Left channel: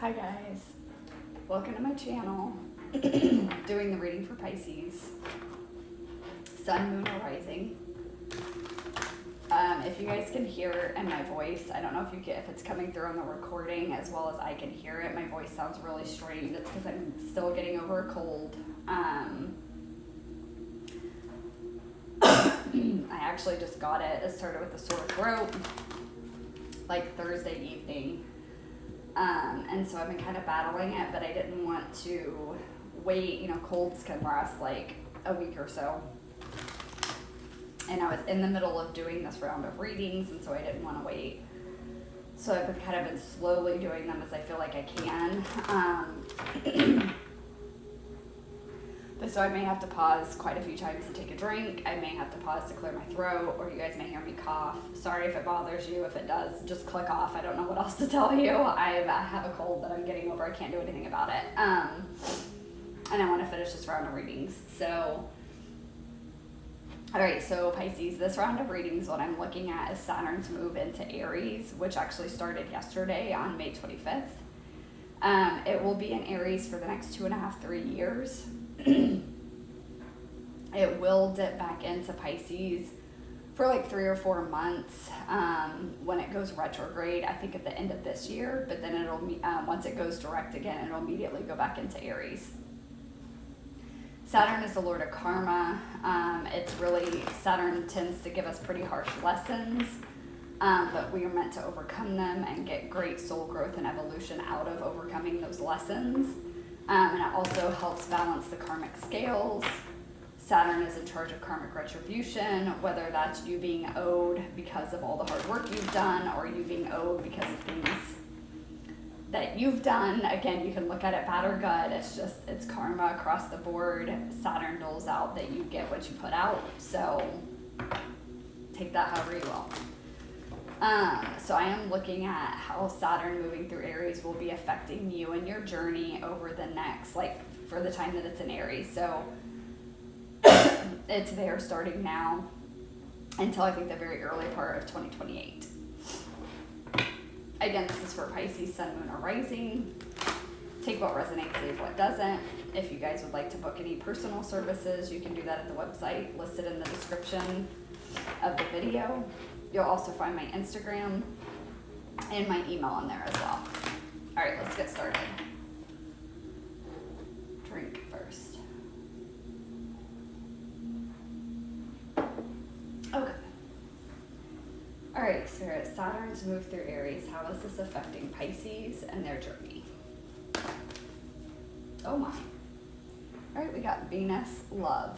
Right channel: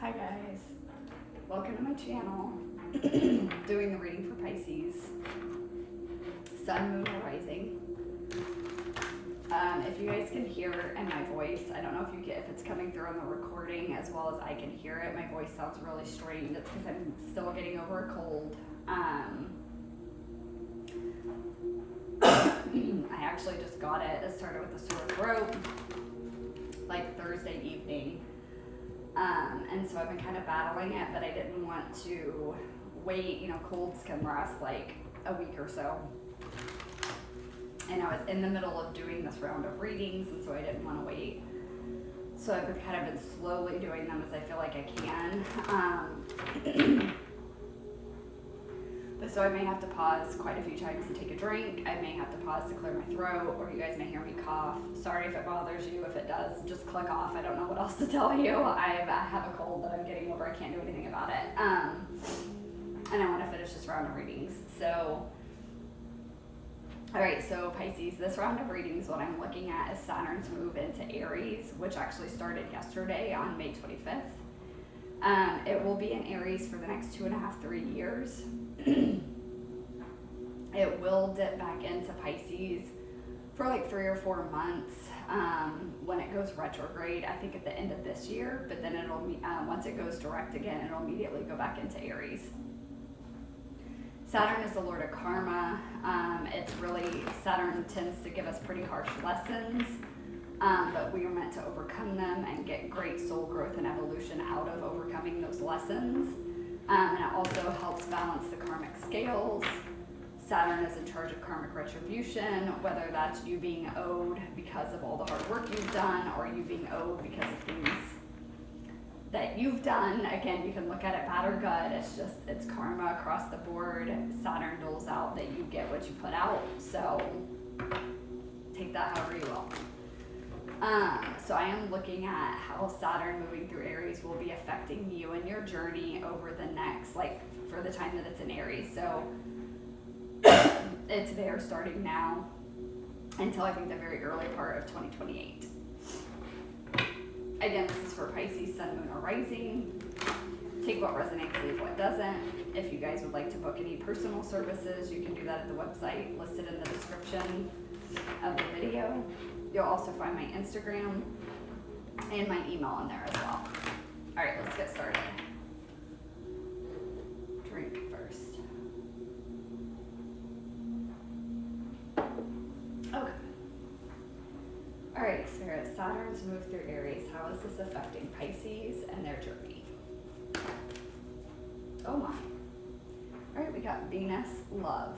Hi guys, welcome to my channel. Doing the reading for Pisces, Sun, Moon, or Rising. If you guys can hear in my voice, I don't know if it's coming through on the recording as well as I can hear it. My voice sounds really strained. It's because I'm still getting over a cold. I actually just got it. It started with a sore throat like Thursday evening. And so I've been kind of battling it, but I didn't want to wait. Colds can last like a week or so. And I was in the middle of doing this round of readings, and so I didn't want to wait. So I've been slowly doing them as I feel like I can. So I may have to pause quite a few times and take a drink. I may have to pause to clear my throat, or you guys may hear me cough. Sorry if it bothers you. If it does, just click off. I don't know what else to tell you. I have a cold that I'm getting over. I can't do anything about it. And I want to finish this round of readings. So, all right, so Pisces, this round of readings, what I'm looking at is Saturn's move into Aries, which actually started yesterday on May 25th. It will be in Aries for the next 2.5-3 years. It will dip back into Pisces for like 3 or 4 months when it goes retrograde, I think at the end of this year, but then it'll once it goes direct again, it'll immediately go back into Aries. Saturn is the lord of karma. Saturn tends to give us pretty harsh lessons, but we are meant to overcome them and get great soul growth and evolution out of overcoming those lessons. And it also helps balance the karmic scales. Saturn is in charge of karmic retribution, whether that's you being owed because of all the hard work you've done, or you being owed because of things that you've done. Again, you can look at it bad or good. It's karma across the board. Saturn doles out that you get what you put out. So take that however you will. So I am looking at how Saturn moving through Aries will be affecting you and your journey over the next, for the time that it's in Aries. So it's there starting now until I think the very early part of 2028. Again, this is for Pisces, Sun, Moon, or Rising. Take what resonates, leave what doesn't. If you guys would like to book any personal services, you can do that at the website listed in the description of the video. You'll also find my Instagram and my email in there as well. All right, let's get started. Drink first. Okay. All right, Spirit, Saturn's move through Aries. How is this affecting Pisces and their journey? Oh my. All right, we got Venus, love.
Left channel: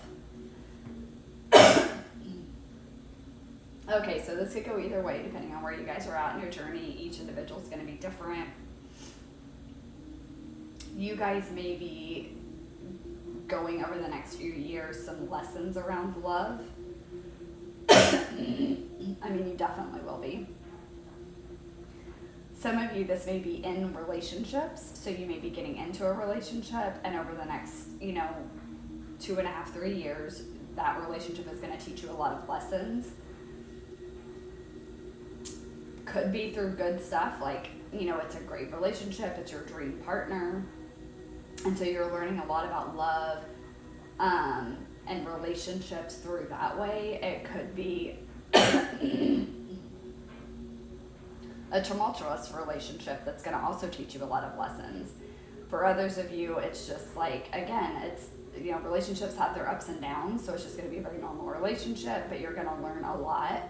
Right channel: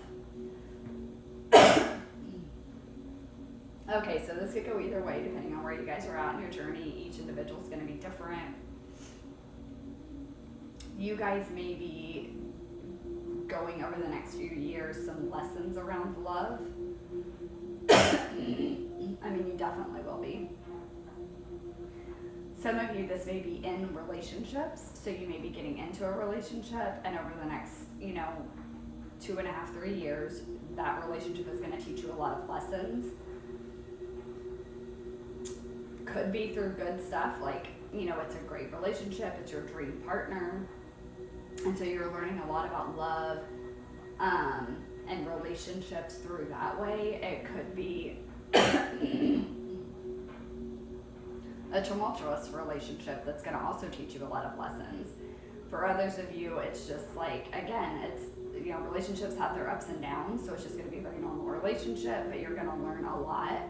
Okay, so this could go either way depending on where you guys are at in your journey. Each individual is going to be different. You guys may be going over the next few years some lessons around love. I mean, you definitely will be. Some of you, this may be in relationships, so you may be getting into a relationship, and over the next, 2.5-3 years, that relationship is going to teach you a lot of lessons. Could be through good stuff, it's a great relationship, it's your dream partner, and so you're learning a lot about love and relationships through that way. It could be a tumultuous relationship that's going to also teach you a lot of lessons. For others of you, it's just relationships have their ups and downs, so it's just going to be a very normal relationship, but you're going to learn a lot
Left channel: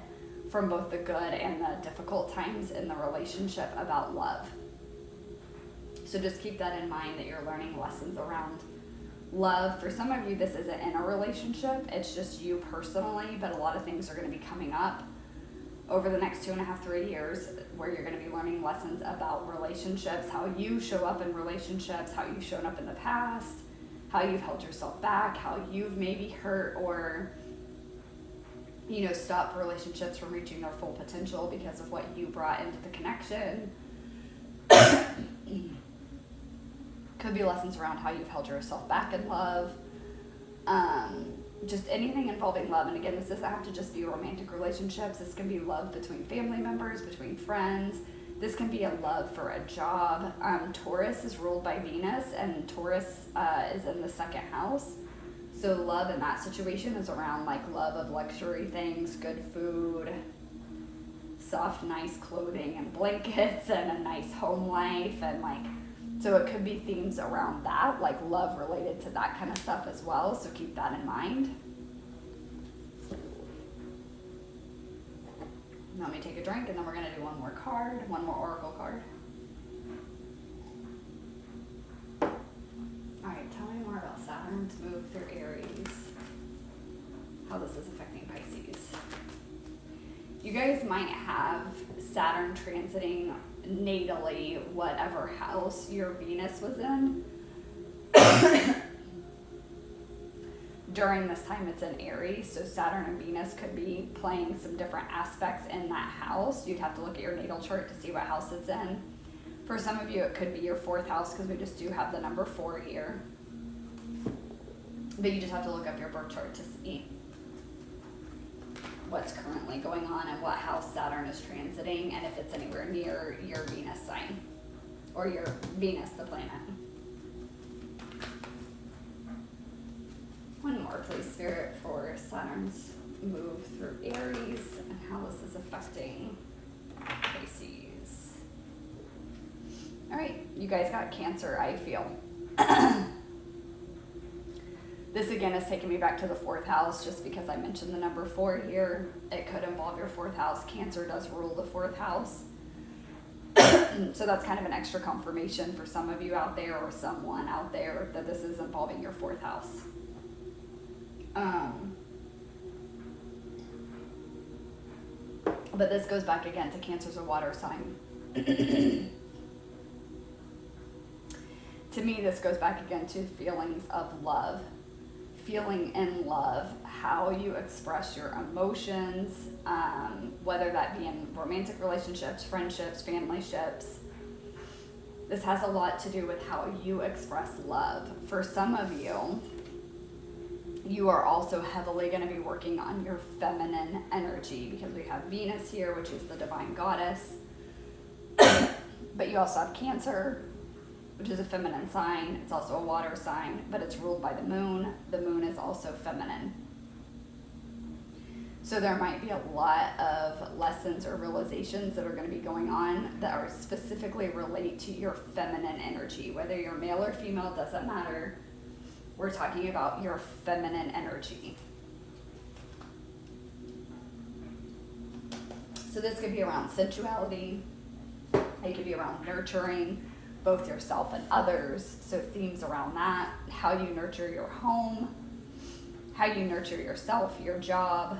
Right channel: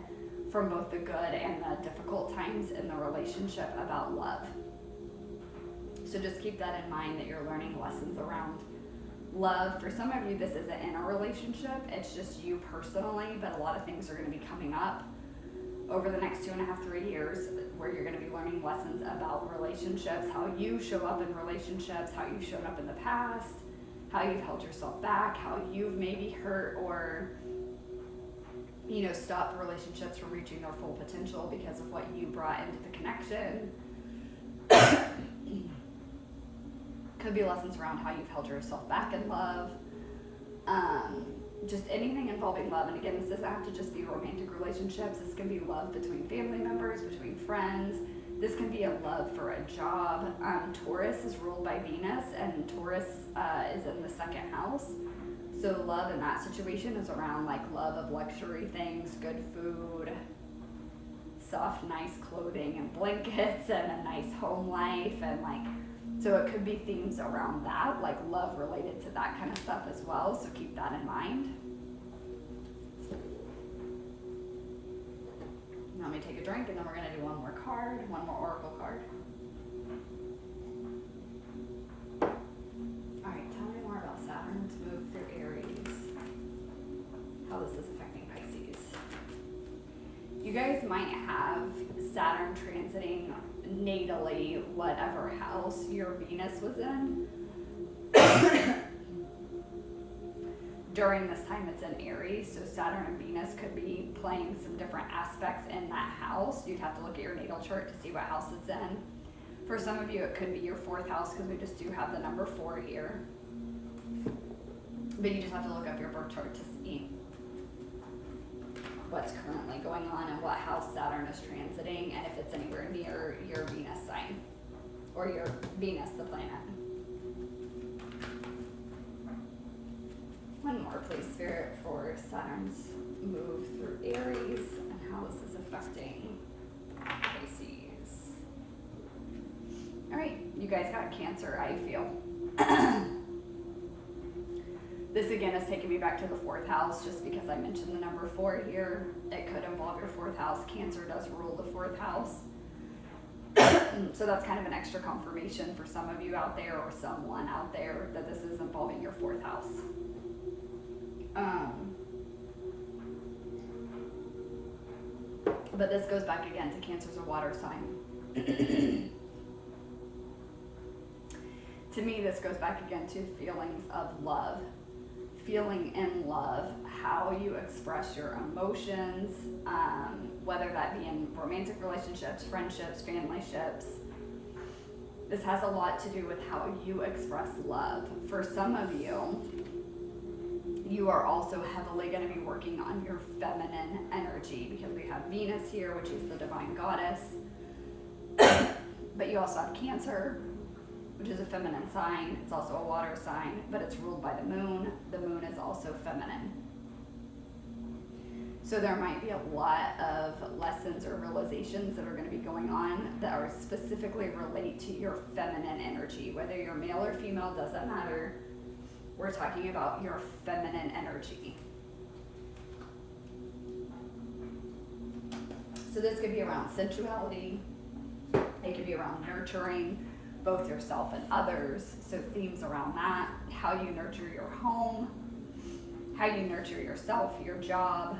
from both the good and the difficult times in the relationship about love. So just keep that in mind, that you're learning lessons around love. For some of you, this isn't in a relationship, it's just you personally, but a lot of things are going to be coming up over the next 2.5-3 years where you're going to be learning lessons about relationships, how you show up in relationships, how you've shown up in the past, how you've held yourself back, how you've maybe hurt or stop relationships from reaching their full potential because of what you brought into the connection. Could be lessons around how you've held yourself back in love. Just anything involving love. And again, this doesn't have to just be romantic relationships. This can be love between family members, between friends. This can be a love for a job. Taurus is ruled by Venus, and Taurus is in the second house. So love in that situation is around like love of luxury things, good food, soft, nice clothing and blankets, and a nice home life, and like, so it could be themes around that, like love related to that kind of stuff as well. So keep that in mind. Let me take a drink, and then we're going to do one more card, one more oracle card. All right, tell me more about Saturn's move through Aries, how this is affecting Pisces. You guys might have Saturn transiting natally whatever house your Venus was in. During this time it's in Aries, so Saturn and Venus could be playing some different aspects in that house. You'd have to look at your natal chart to see what house it's in. For some of you it could be your 4th house, because we just do have the number 4 here. But you just have to look up your birth chart to see what's currently going on and what house Saturn is transiting, and if it's anywhere near your Venus sign, or your Venus, the planet. One more, please, Spirit, for Saturn's move through Aries and how this is affecting Pisces. All right, you guys got Cancer, I feel. This again is taking me back to the 4th house, just because I mentioned the number 4 here. It could involve your 4th house. Cancer does rule the 4th house. So that's kind of an extra confirmation for some of you out there, or someone out there, that this is involving your 4th house. But this goes back again to Cancer's a water sign. To me, this goes back again to feelings of love. Feeling in love, how you express your emotions, whether that be in romantic relationships, friendships, family ships. This has a lot to do with how you express love. For some of you, you are also heavily going to be working on your feminine energy, because we have Venus here, which is the divine goddess. But you also have Cancer, which is a feminine sign. It's also a water sign, but it's ruled by the moon. The moon is also feminine. So there might be a lot of lessons or realizations that are going to be going on that are specifically relate to your feminine energy. Whether you're male or female, doesn't matter. We're talking about your feminine energy. So this could be around sensuality. It could be around nurturing both yourself and others. So themes around that, how you nurture your home, how you nurture yourself, your job,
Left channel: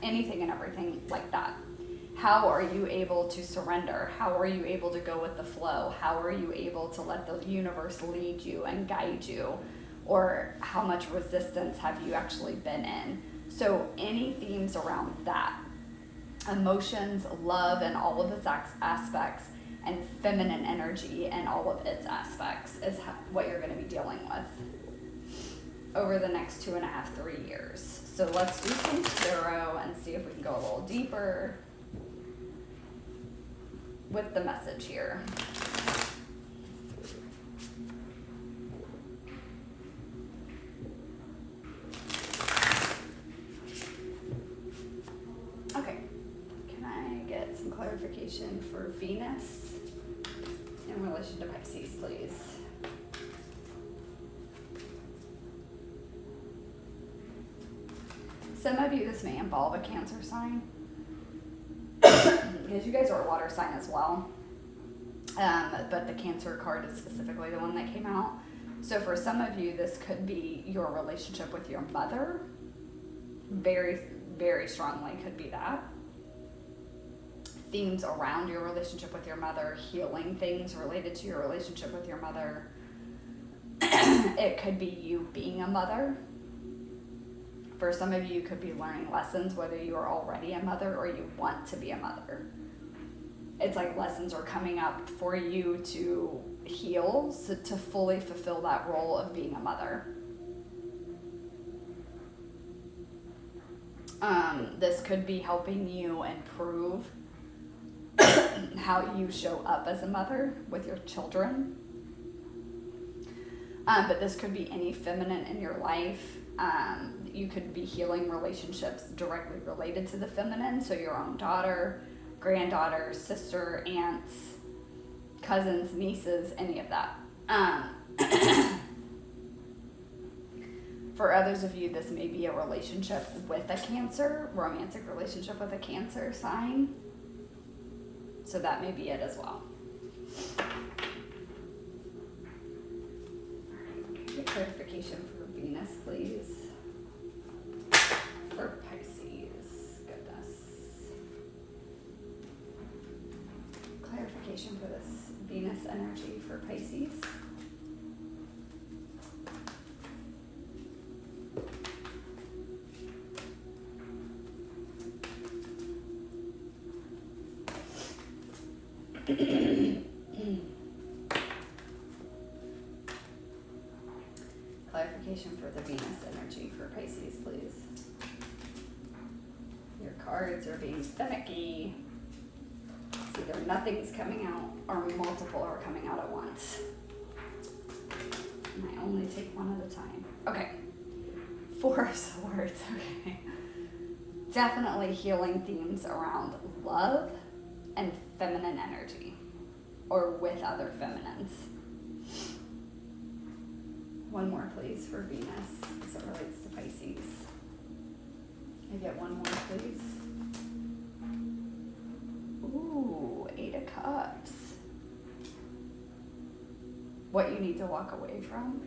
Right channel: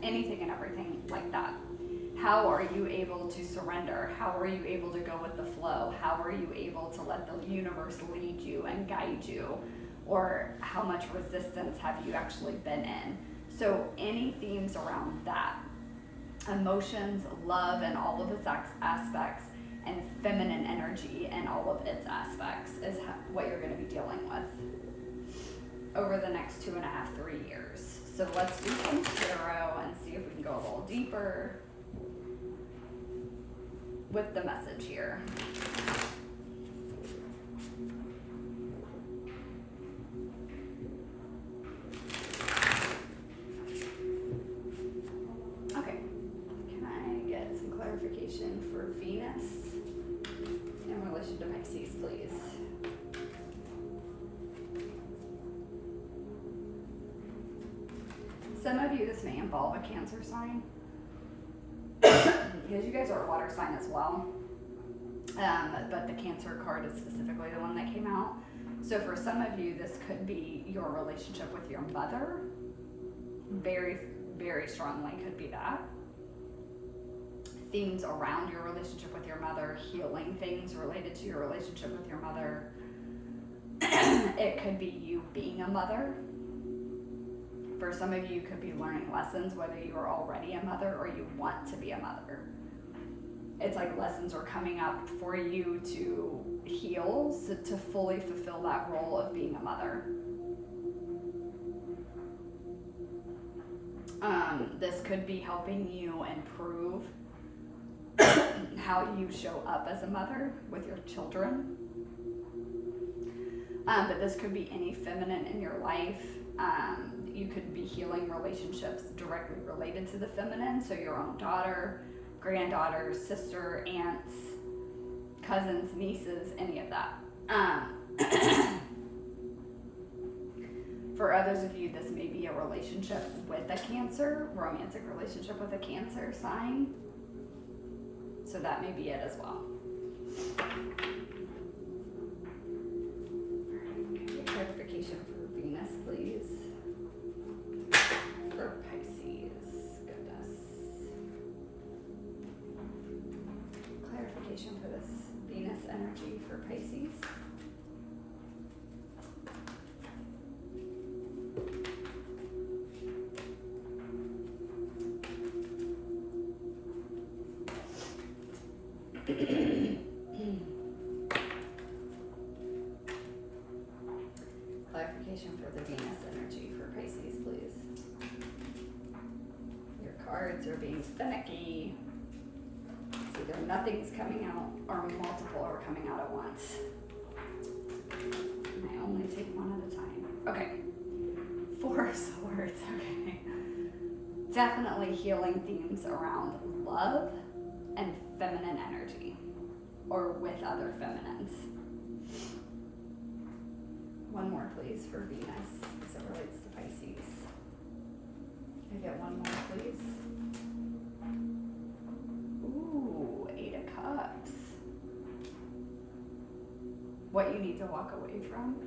anything and everything like that. How are you able to surrender? How are you able to go with the flow? How are you able to let the universe lead you and guide you? Or how much resistance have you actually been in? So any themes around that, emotions, love, and all of its aspects, and feminine energy and all of its aspects is what you're going to be dealing with over the next 2.5, 3 years. So let's do some tarot and see if we can go a little deeper with the message here. Okay, can I get some clarification for Venus in relation to Pisces, please? Some of you, this may involve a Cancer sign, because you guys are a water sign as well. But the Cancer card is specifically the one that came out. So for some of you, this could be your relationship with your mother. Very, very strongly could be that. Themes around your relationship with your mother, healing things related to your relationship with your mother. It could be you being a mother. For some of you, could be learning lessons, whether you are already a mother or you want to be a mother. It's like lessons are coming up for you to heal, so to fully fulfill that role of being a mother. This could be helping you improve how you show up as a mother with your children. But this could be any feminine in your life. You could be healing relationships directly related to the feminine, so your own daughter, granddaughter, sister, aunts, cousins, nieces, any of that. For others of you, this may be a relationship with a Cancer, romantic relationship with a Cancer sign. So that may be it as well. Clarification for Venus, please. For Pisces, goodness. Clarification for this Venus energy for Pisces. Clarification for the Venus energy for Pisces, please. Your cards are being finicky. It's either nothing's coming out or multiple are coming out at once. And I only take one at a time. Okay. 4 of Swords. Okay. Definitely healing themes around love and feminine energy, or with other feminines. One more, please, for Venus, as it relates to Pisces. Can I get one more, please? Ooh, 8 of Cups. What you need to walk away from.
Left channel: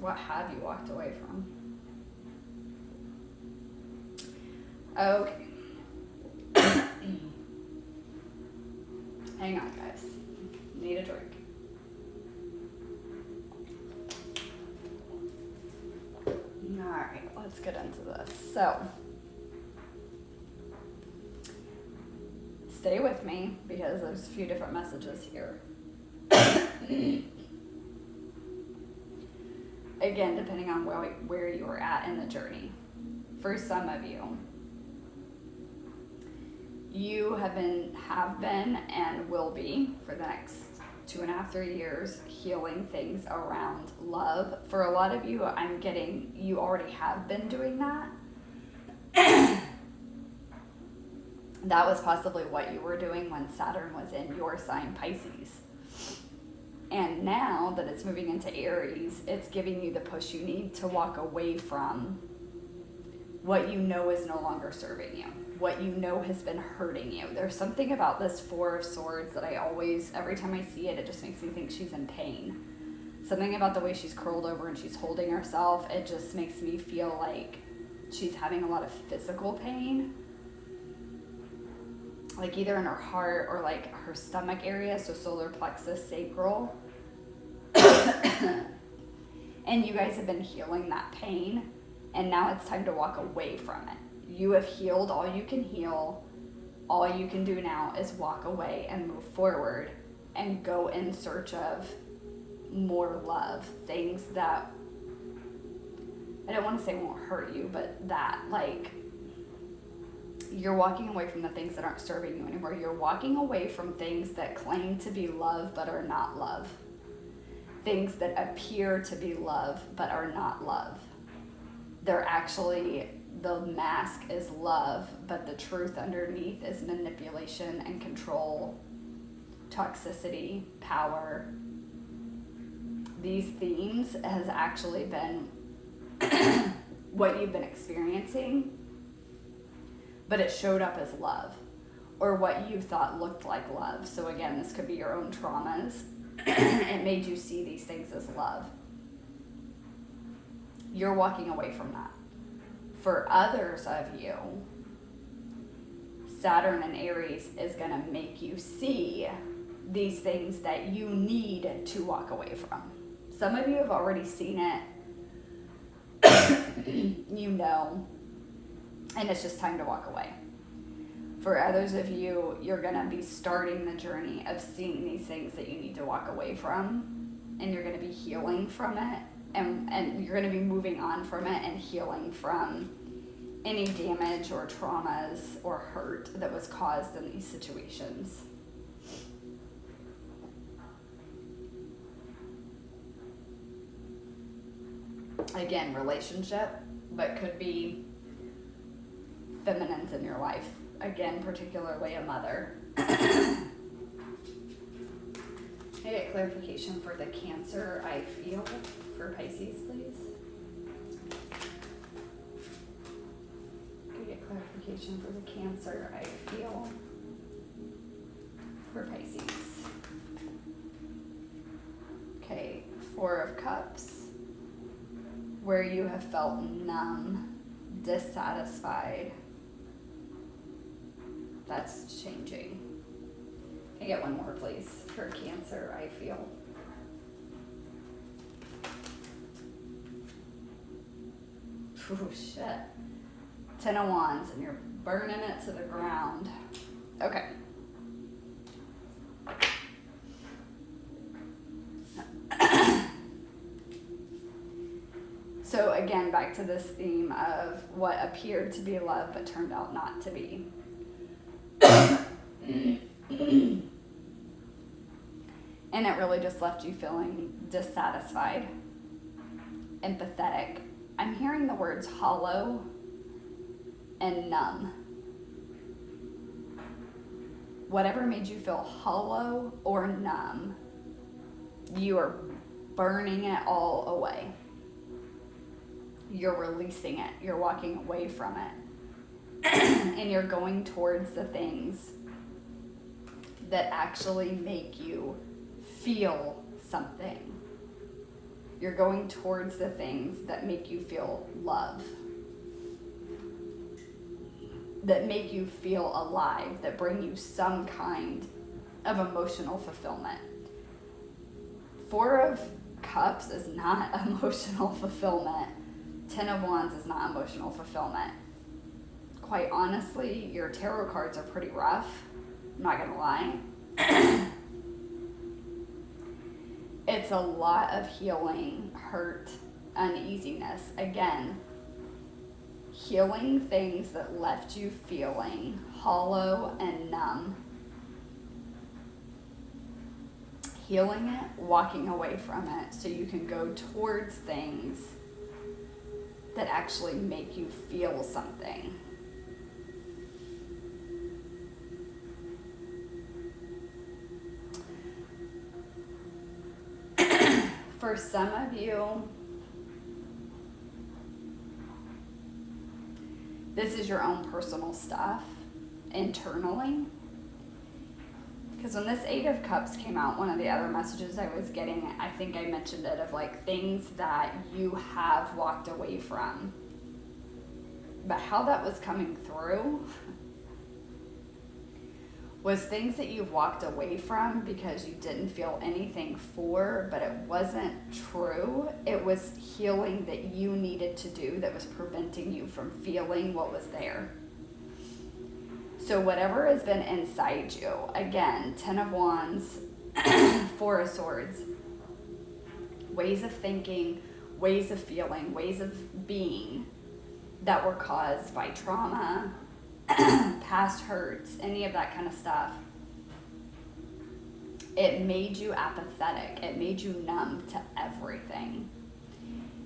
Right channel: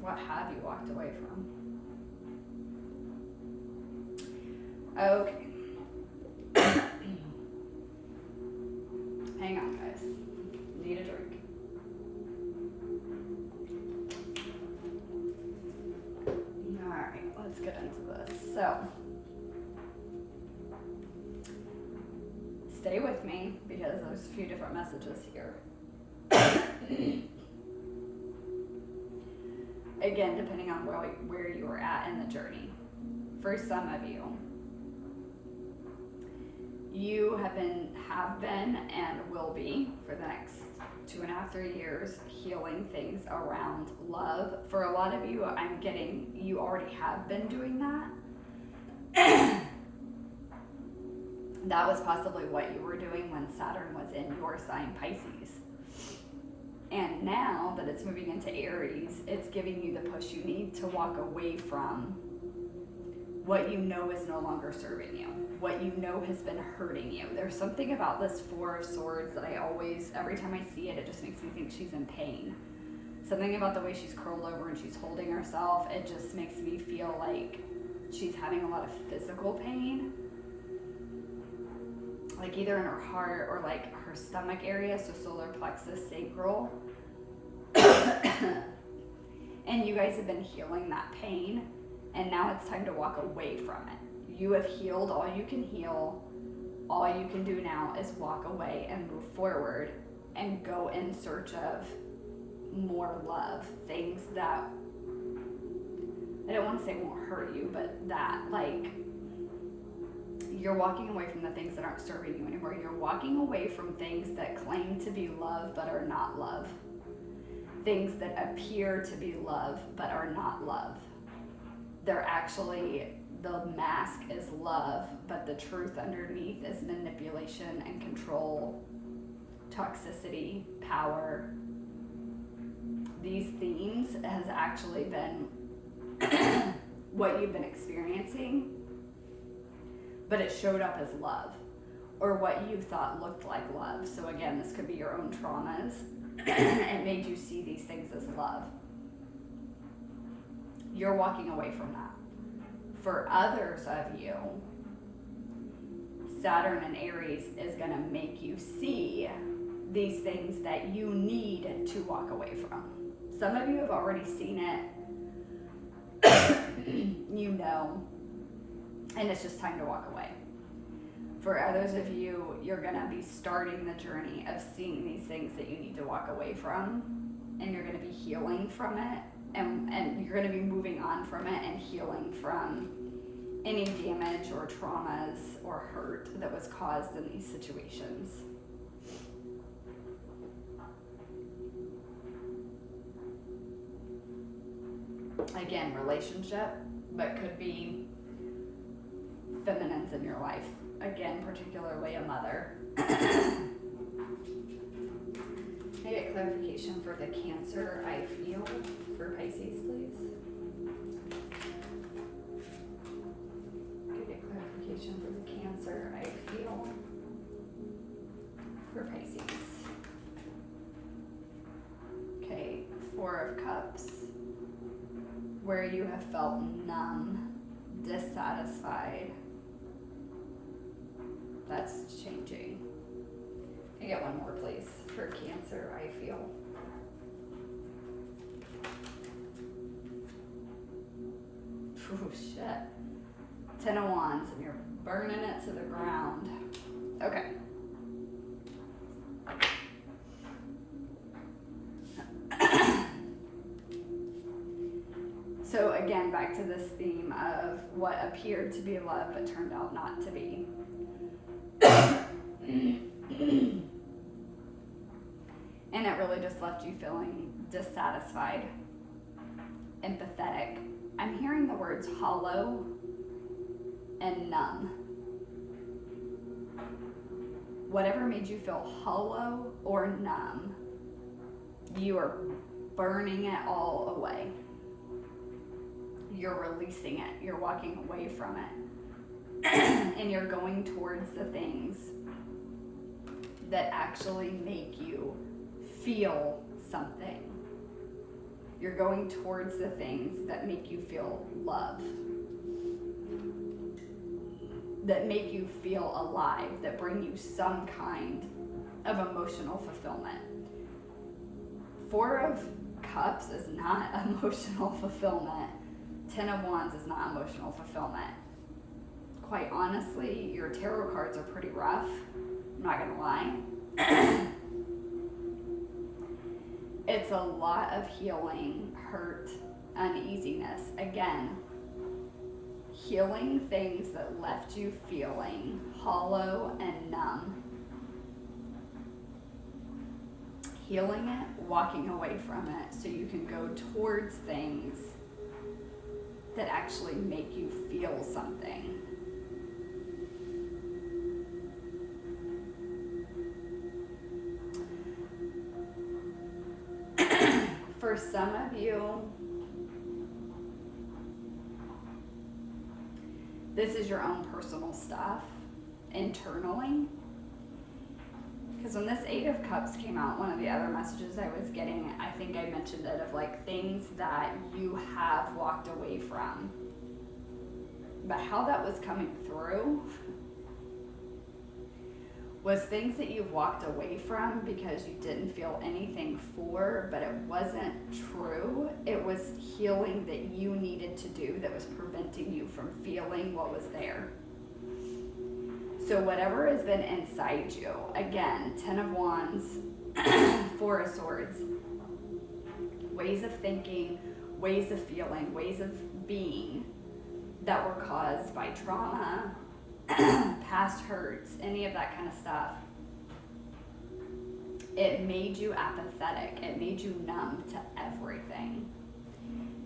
What have you walked away from? Okay. Hang on, guys. Need a drink. Alright, let's get into this. So, stay with me because there's a few different messages here. Again, depending on where you are at in the journey. For some of you, you have been and will be for the next 2.5, 3 years healing things around love. For a lot of you, I'm getting you already have been doing that. That was possibly what you were doing when Saturn was in your sign, Pisces. And now that it's moving into Aries, it's giving you the push you need to walk away from what you know is no longer serving you, what you know has been hurting you. There's something about this 4 of Swords that I always, every time I see it, it just makes me think she's in pain. Something about the way she's curled over and she's holding herself, it just makes me feel like she's having a lot of physical pain. Like either in her heart or like her stomach area, so solar plexus, sacral. And you guys have been healing that pain, and now it's time to walk away from it. You have healed all you can heal. All you can do now is walk away and move forward and go in search of more love. Things that, I don't want to say won't hurt you, but that like, you're walking away from the things that aren't serving you anymore. You're walking away from things that claim to be love but are not love. Things that appear to be love but are not love. They're actually, the mask is love, but the truth underneath is manipulation and control, toxicity, power. These themes has actually been what you've been experiencing, but it showed up as love, or what you thought looked like love. So again, this could be your own traumas. It made you see these things as love. You're walking away from that. For others of you, Saturn and Aries is going to make you see these things that you need to walk away from. Some of you have already seen it, you know, and it's just time to walk away. For others of you, you're going to be starting the journey of seeing these things that you need to walk away from, and you're going to be healing from it and you're going to be moving on from it and healing from any damage or traumas or hurt that was caused in these situations. Again, relationship, but could be feminines in your life. Again, particularly a mother. Can I get clarification for the Cancer I feel for Pisces, please? Can I get clarification for the Cancer I feel for Pisces? Okay, Four of Cups. Where you have felt numb, dissatisfied. That's changing. Can I get one more, please, for Cancer, I feel? Oh, shit. 10 of Wands, and you're burning it to the ground. Okay. So again, back to this theme of what appeared to be love but turned out not to be. And it really just left you feeling dissatisfied, empathetic. I'm hearing the words hollow and numb. Whatever made you feel hollow or numb, you are burning it all away. You're releasing it. You're walking away from it. And you're going towards the things that actually make you feel something. You're going towards the things that make you feel love, that make you feel alive, that bring you some kind of emotional fulfillment. Four of Cups is not emotional fulfillment. 10 of Wands is not emotional fulfillment. Quite honestly, your tarot cards are pretty rough. I'm not gonna lie. It's a lot of healing, hurt, uneasiness. Again, healing things that left you feeling hollow and numb. Healing it, walking away from it so you can go towards things that actually make you feel something. For some of you, this is your own personal stuff internally. Because when this Eight of Cups came out, one of the other messages I was getting, I think I mentioned it, of like things that you have walked away from. But how that was coming through was things that you've walked away from because you didn't feel anything for, but it wasn't true. It was healing that you needed to do that was preventing you from feeling what was there. So whatever has been inside you, again, 10 of Wands, 4 of Swords, ways of thinking, ways of feeling, ways of being that were caused by trauma, past hurts, any of that kind of stuff. It made you apathetic. It made you numb to everything.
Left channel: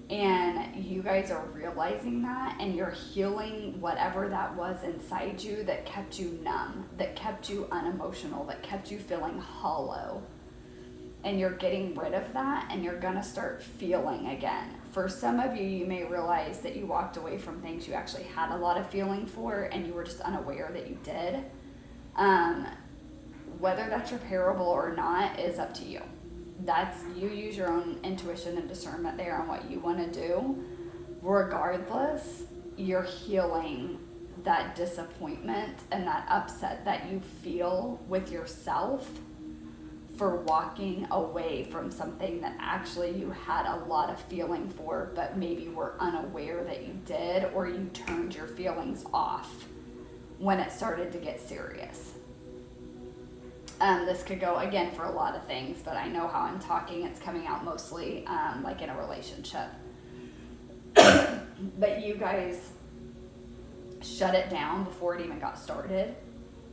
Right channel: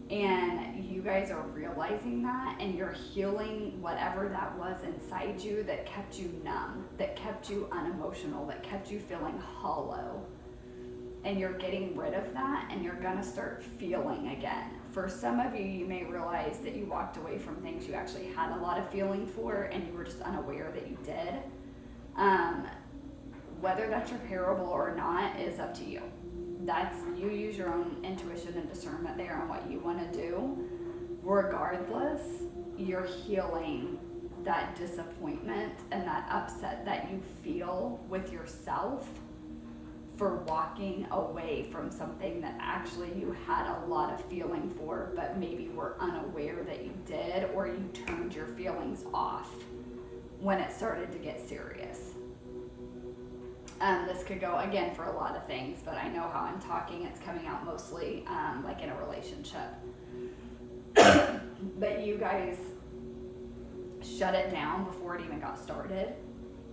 And you guys are realizing that, and you're healing whatever that was inside you that kept you numb, that kept you unemotional, that kept you feeling hollow. And you're getting rid of that, and you're gonna start feeling again. For some of you, you may realize that you walked away from things you actually had a lot of feeling for, and you were just unaware that you did. Whether that's repairable or not is up to you. That's, you use your own intuition and discernment there on what you want to do. Regardless, you're healing that disappointment and that upset that you feel with yourself for walking away from something that actually you had a lot of feeling for, but maybe were unaware that you did, or you turned your feelings off when it started to get serious. This could go, again, for a lot of things, but I know how I'm talking. It's coming out mostly like in a relationship. But you guys shut it down before it even got started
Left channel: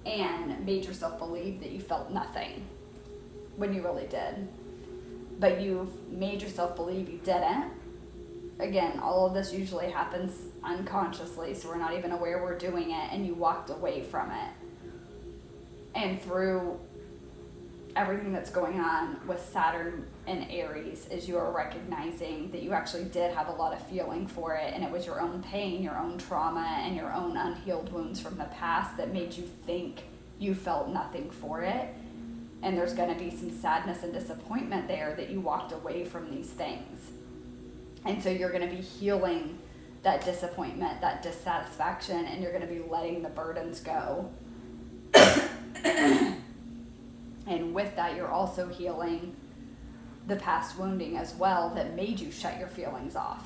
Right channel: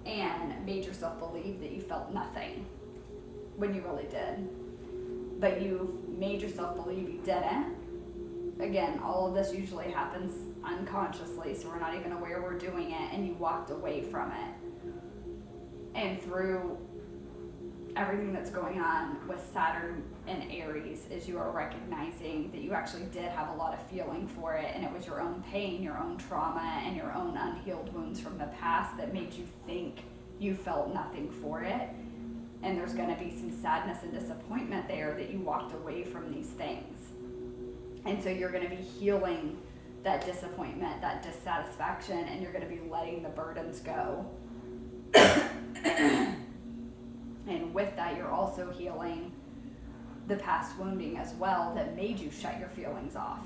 and made yourself believe that you felt nothing when you really did. But you made yourself believe you didn't. Again, all of this usually happens unconsciously, so we're not even aware we're doing it, and you walked away from it. And through everything that's going on with Saturn and Aries is you are recognizing that you actually did have a lot of feeling for it, and it was your own pain, your own trauma, and your own unhealed wounds from the past that made you think you felt nothing for it. And there's going to be some sadness and disappointment there that you walked away from these things. And so you're going to be healing that disappointment, that dissatisfaction, and you're going to be letting the burdens go. And with that, you're also healing the past wounding as well that made you shut your feelings off.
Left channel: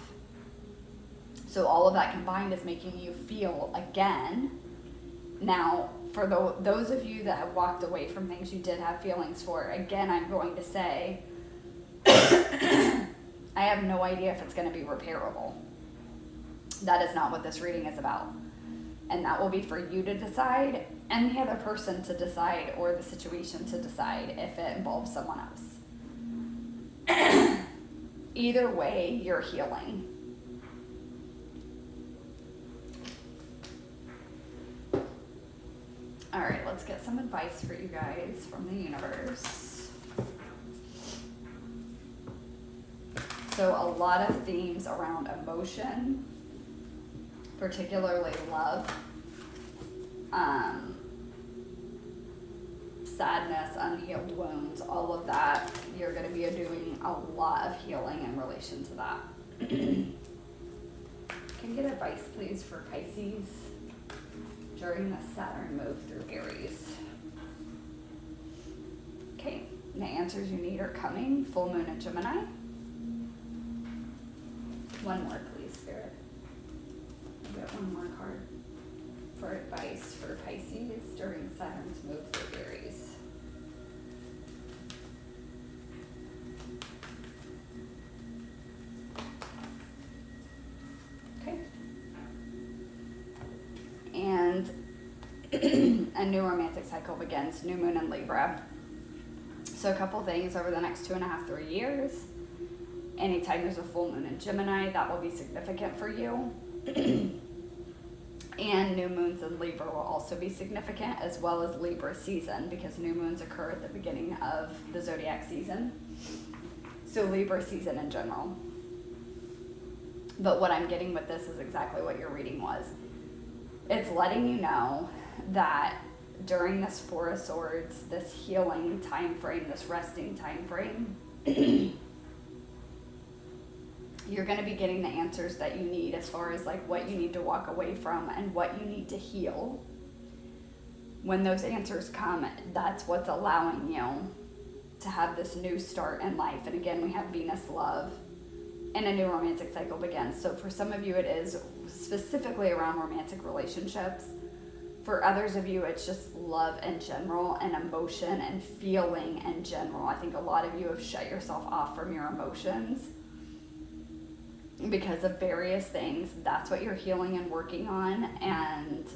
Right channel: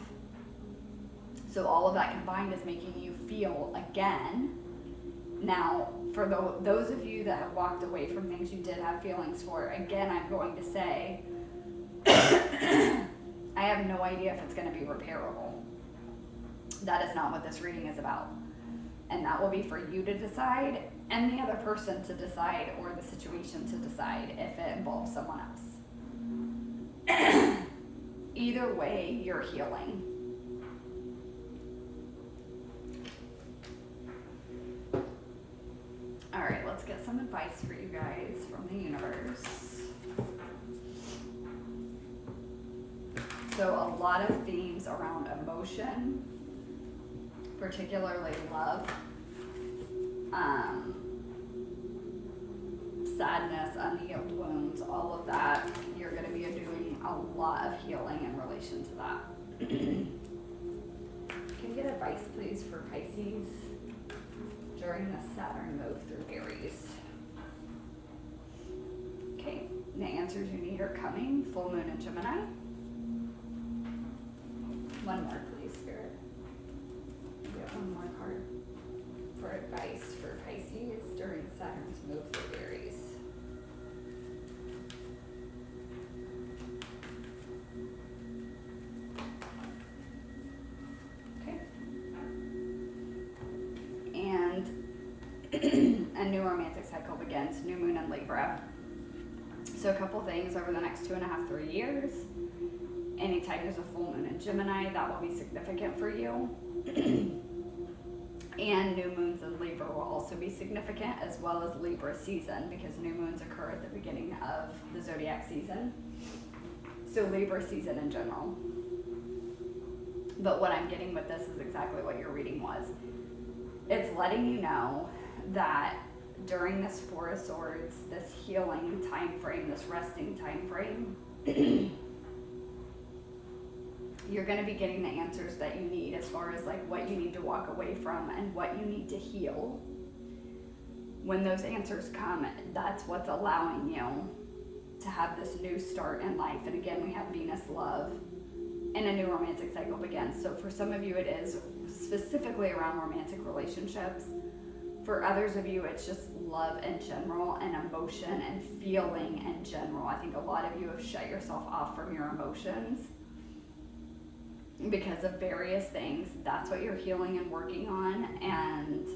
So all of that combined is making you feel again. Now, for those of you that have walked away from things you did have feelings for, again, I'm going to say, I have no idea if it's going to be repairable. That is not what this reading is about. And that will be for you to decide and the other person to decide, or the situation to decide if it involves someone else. Either way, you're healing. All right, let's get some advice for you guys from the universe. So a lot of themes around emotion, particularly love, sadness, unhealed wounds, all of that. You're going to be doing a lot of healing in relation to that. Can you get advice, please, for Pisces during the Saturn move through Aries? Okay, and the answers you need are coming. Full moon in Gemini. One more, please, Spirit. Get one more card for advice for Pisces during Saturn's move through Aries. Okay. And a new romantic cycle begins, new moon in Libra. So a couple things over the next 2.5, 3 years. Anytime there's a full moon in Gemini, that will be significant for you. And new moons in Libra will also be significant, as well as Libra season, because new moons occur at the beginning of the zodiac season. So Libra season in general. But what I'm getting with this is exactly what your reading was. It's letting you know that during this Four of Swords, this healing time frame, this resting time frame, you're going to be getting the answers that you need as far as like what you need to walk away from and what you need to heal. When those answers come, that's what's allowing you to have this new start in life. And again, we have Venus love and a new romantic cycle begins. So for some of you, it is specifically around romantic relationships. For others of you, it's just love in general and emotion and feeling in general. I think a lot of you have shut yourself off from your emotions because of various things. That's what you're healing and working on, and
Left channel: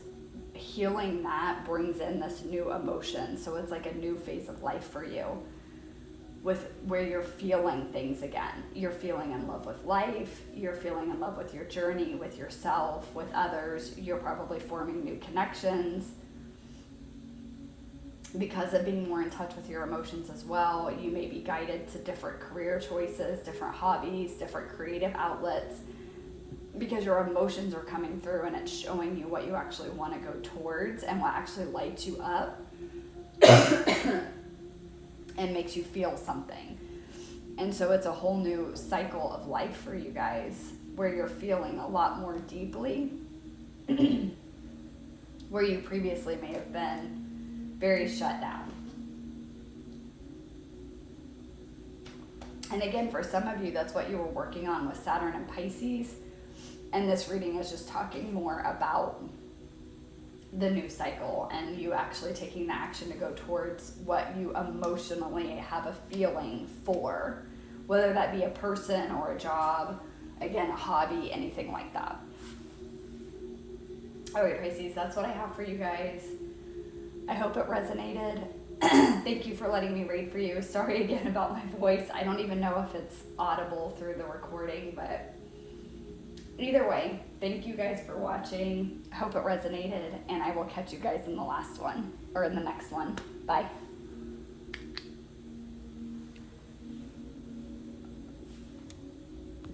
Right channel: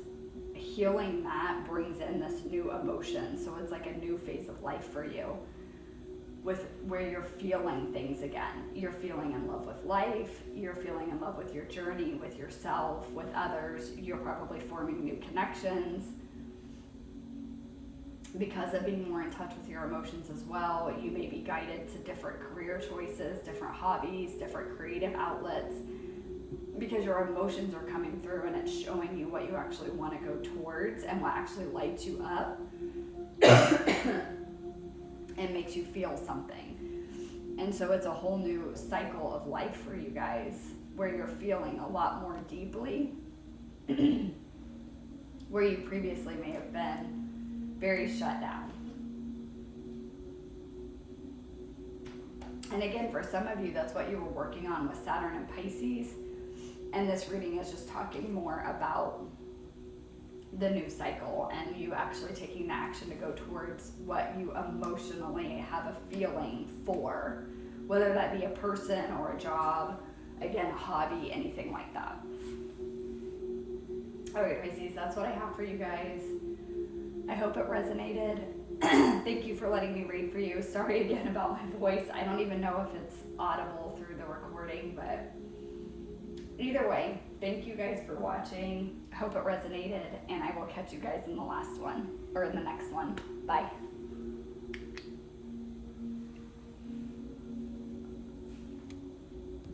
healing that brings in this new emotion. So it's like a new phase of life for you, with where you're feeling things again. You're feeling in love with life, you're feeling in love with your journey, with yourself, with others. You're probably forming new connections because of being more in touch with your emotions as well. You may be guided to different career choices, different hobbies, different creative outlets, because your emotions are coming through and it's showing you what you actually want to go towards and what actually lights you up and makes you feel something. And so it's a whole new cycle of life for you guys where you're feeling a lot more deeply where you previously may have been very shut down. And again, for some of you, that's what you were working on with Saturn and Pisces. And this reading is just talking more about the new cycle and you actually taking the action to go towards what you emotionally have a feeling for, whether that be a person or a job, again, a hobby, anything like that. Alright, Pisces, that's what I have for you guys. I hope it resonated. Thank you for letting me read for you. Sorry again about my voice. I don't even know if it's audible through the recording, but either way, thank you guys for watching. I hope it resonated, and I will catch you guys in the last one, or in the next one. Bye.